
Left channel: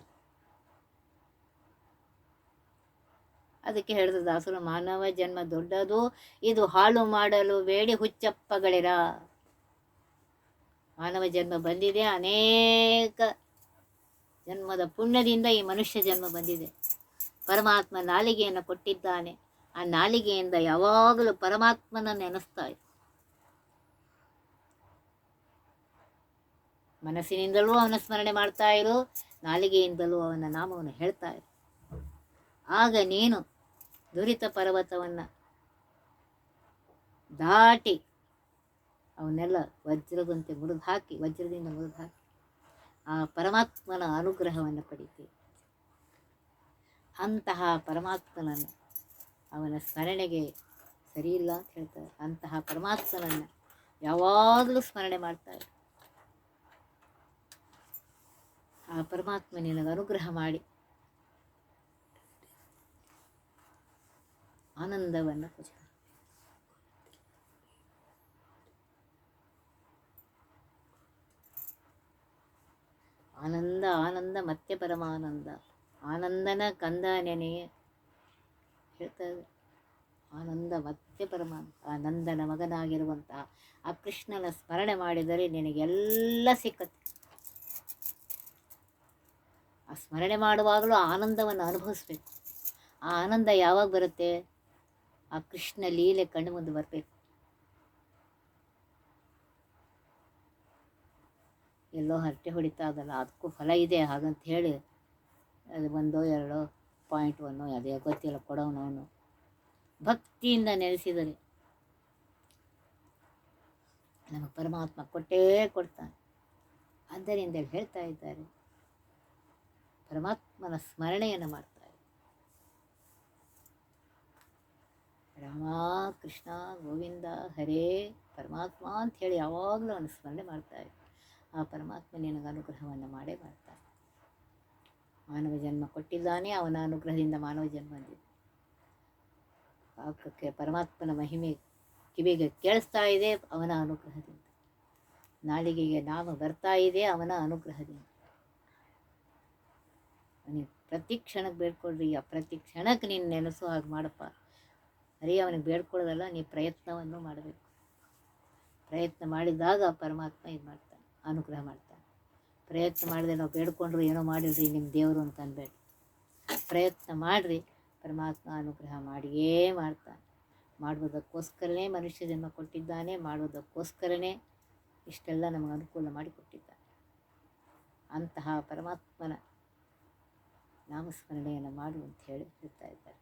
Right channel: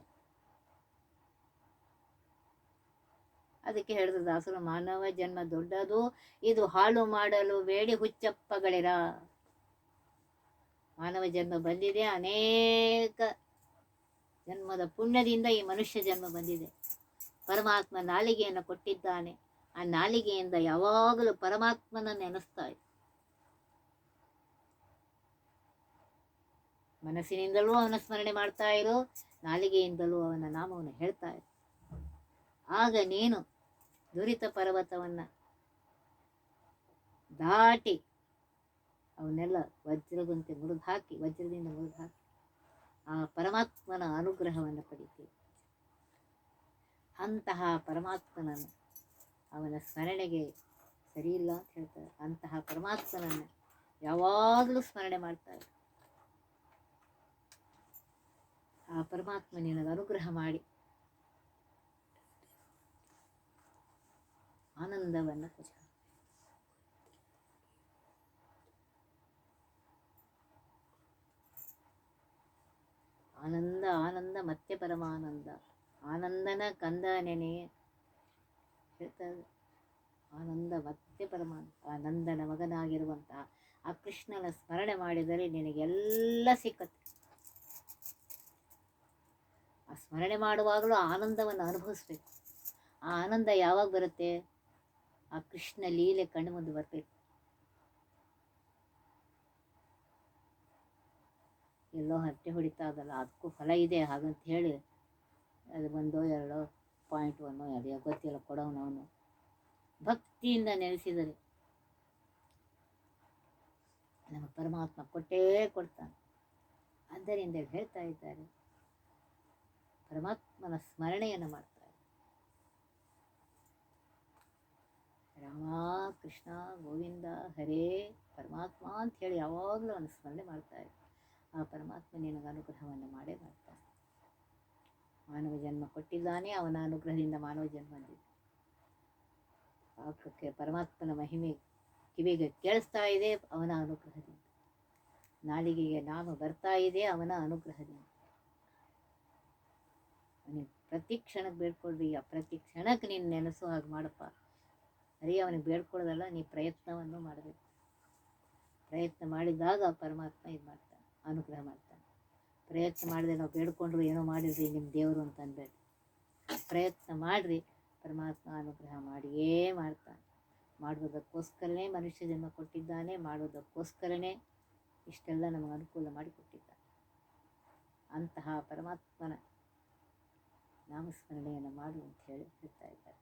ಅದಕ್ಕೆ ಹೇಳಿದ್ರು ದಾಸರು, ಮಾನವ ಜನ್ಮ ದೊಡ್ಡದು, ಇದು ಹಾಳು ಮಾಡಲು ಬೇಡಿ ಹುಚ್ಚಪ್ಪಗಳಿರ. ಮಾನವ ಜನ್ಮ ಬಂದಿದೆ, ಅನೇಕ ಜನ್ಮದ ಪುಣ್ಯದಿಂದ ಈ ಮನುಷ್ಯ ಜನ್ಮ ಬಂದಿದೆ. ಪರಮಾತ್ಮ ನಾಲಿಗೆಯನ್ನು ಕೊಟ್ಟಿದ್ದಾನೆ. ಆ ನಾಲಿಗೆಯಿಂದ ಯಾವಾಗಲೂ ಪರಮಾತ್ಮನ ನೆನೆಸ್ತಾ ಮನಸ್ಸಿನಿಂದಲೂ ಅವನ ಸ್ಮರಣೆ ಮಾಡ್ತಾ ಇರು, ನಾಲಿಗೆಯಿಂದಲೂ ಅವನ ನಾಮವನ್ನು ಹೇಳ್ತಾ ಇರು. ಆಗ ನೀನು ದುರಿತ ಪರ್ವತವನ್ನು ದಾಟಿ ಅವನ್ನೆಲ್ಲ ವಜ್ರದಂತೆ ಮುರಿದು ಹಾಕಿ ವಜ್ರದಿಂದ ಮುರಿದು ಹಾಕಿ ಆ ಪರಮಾತ್ಮನ ಅನುಗ್ರಹವನ್ನು ಪಡಿತೀವಿ. ಅಂತಹ ಪರಮಾತ್ಮನನ್ನು ಅವನ ಸ್ಮರಣೆಗೆ ಸರಿಯಿಲ್ಲ ಅಂತ ಹೇಳ್ತಾರೆ. ಅಂತಹ ಪರಮಾತ್ಮನನ್ನು ಯಾವಾಗಲೂ ಸ್ಮರಣೆ ಮಾಡ್ತಾರೆ. ಆ ಪರಮಾತ್ಮ ನಿನಗೆ ಅನುಗ್ರಹ ಮಾಡಿ ಆನಂದವನ್ನು ಕೊಡ್ತಾನೆ ಆನಂದ ಆನಂದ ಮತ್ತೆ ಪರಮಾನಂದ ಆನಂದನ ಕಂದ ನೆನೆ ಹೇಳ್ತಾ ಆನಂದ ಮತ್ತೆ ಪರಮಾನಂದ ಆನಂದನ ಮಗನಾಗಿರುವಂತಹ ಆ ಕೃಷ್ಣನ ಸ್ಮರಣೆ ಮಾಡಿದರೆ ನಿನಗೆಲ್ಲ ಸಿಕ್ಕತ್ತೆ. ಆ ಸ್ಮರಣೆ ಮಾಡುವಾಗಲೂ ಆನಂದವನ್ನು ಅನುಭವಿಸ್ಬೇಕು. ಆ ಆನಂದ ಯಾವಾಗ ಬರುತ್ತೆ? ಆ ಕೃಷ್ಣ ಲೀಲೆ ಕಣ್ಣು ಮುಂದೆ ಬರಬೇಕು. ಎಲ್ಲೋ ಹರಟೆ ಹೊಡಿತಾ ಅದಲ್ಲ, ಅದಕ್ಕೂ ಫಲ ಇದೆ ಹಾಗಂತ ಹೇಳಿ ಅದು ಒಂದೋ ಎರಡೋ ಪಾಯಿಂಟ್ ಒನ್ನೋ ಅದೇ ಗೊತ್ತಿಲ್ಲ ಕೊಡೋನು ಭಕ್ತಿಯಿಂದ ನೆಲೆಸಿದರೆ ನಮಗೆ ಪರಮಾತ್ಮ ಕೊಟ್ಟೇ ಕೊಡ್ತಾನೆ. ಆದ್ದರಿಂದ ಹೇಳ್ತಾ ಇದ್ದಾರೆ, ಪರಮಾತ್ಮನ ಸ್ಮರಣೆಯನ್ನು ಮಾಡ್ತಾರೆ ರಾಮ ಕೃಷ್ಣ ಗೋವಿಂದ ಹರೇ ಪರಮಾತ್ಮ ಅಂತ ಹೇಳಿ ಯಾವಾಗಲೂ ಅವನು ಸ್ಮರಣೆ ಮಾಡ್ತಾರೆ ಆ ಪರಮಾತ್ಮ ನಿನಗೆ ಅನುಗ್ರಹವನ್ನು ಮಾಡೇ ಮಾಡ್ತಾನೆ. ಮಾನವ ಜನ್ಮ ಕೊಟ್ಟಿದ್ದಾನೆ, ಅವನ ಅನುಗ್ರಹದಿಂದ ಮಾನವ ಜನ್ಮ ಪಾಪಕ್ಕೆ ಪರಮಾತ್ಮನ ಮಹಿಮೆ ಕಿವಿಗೆ ಕೇಳಿಸ್ತಾ ಇದೆ, ಅವನ ಅನುಗ್ರಹದಿಂದ. ನಾಲಿಗೆಗೆ ನಾಮ ಬರ್ತಾ ಇದೆ, ಅವನ ಅನುಗ್ರಹದಿಂದ. ಅವನಿಗೆ ಪ್ರತಿ ಕ್ಷಣಕ್ಕೆ ಬೇಡ್ಕೊಳ್ರಿ, ಆ ಪ್ರತಿ ಕ್ಷಣಕ್ಕೆ ನೀನು ನೆನೆಸೋ ಹಾಗೆ ಮಾಡಪ್ಪ. ಅರಿ, ಅವನಿಗೆ ಬೇಡ್ಕೊಳ್ಳೋದಲ್ಲ, ನೀ ಪ್ರಯತ್ನವನ್ನು ಮಾಡಬೇಕು. ಪ್ರಯತ್ನ ಮಾಡಿದಾಗ ಪರಮಾತ್ಮ ಇದು ಮಾಡ್ತಾನೆ ಅನುಗ್ರಹ ಮಾಡ್ತಾನೆ. ಪ್ರಯತ್ನ ಮಾಡಿದ್ರೆ ನಾವು ಬೇಡ್ಕೊಂಡ್ರು ಏನೋ ಮಾಡಿದ್ರಿ ನಿಮ್ಮ ದೇವರು ಅಂತ ಅನ್ಬೇಡಿ ಪ್ರಯತ್ನ ಮಾಡಿರಿ, ಪರಮಾತ್ಮ ಅನುಗ್ರಹ ಮಾಡಿಯೇ ಮಾಡ್ತಾನೆ. ಮಾಡುವುದಕ್ಕೋಸ್ಕರನೇ ಮನುಷ್ಯ ಜನ್ಮ ಕೊಟ್ಟಿದ್ದಾನೆ ಮಾಡುವುದಕ್ಕೋಸ್ಕರನೇ ಇಷ್ಟೆಲ್ಲ ನಮಗೆ ಅನುಕೂಲ ಮಾಡಿಕೊಟ್ಟಿದ್ದಾನೆ ಅಂತಹ ಪರಮಾತ್ಮನ ನಾಮಸ್ಮರಣೆಯನ್ನು ಮಾಡು ಅಂತ ಹೇಳಿ ಹೇಳ್ತಾ ಇದ್ದಾರೆ.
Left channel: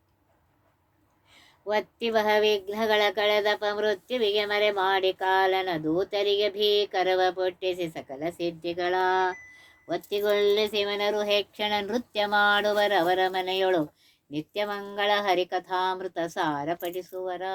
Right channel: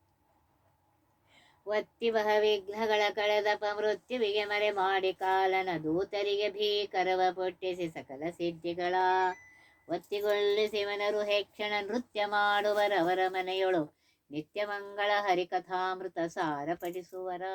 ಒತ್ತಿ ಬಹ ವಿಘ್ನಗಳ ಕಳೆದಪ ಮೃತ್ಯುವಿಗೆ ಮರೆ ಮಾಡಿ ಕಾಲನ ದೂತರಿಗೆ ಭೀಕರವ ಪೊಟ್ಟಿಸಿ ಸಕಲ ಸಿದ್ಧಿಗಳ. ಒತ್ತಿಗೊಳ್ಳಿಸಿ ಮನರು ಹೆಕ್ಷಣ ನೃತ್ಯ ಮಾಡುವರವರ ಮನೆಯೊಳು ನಿತ್ಯಮಂಗಳ ಹರಿಕಥಾಮೃತ ಸಾರ ಪಡಿಸುವರ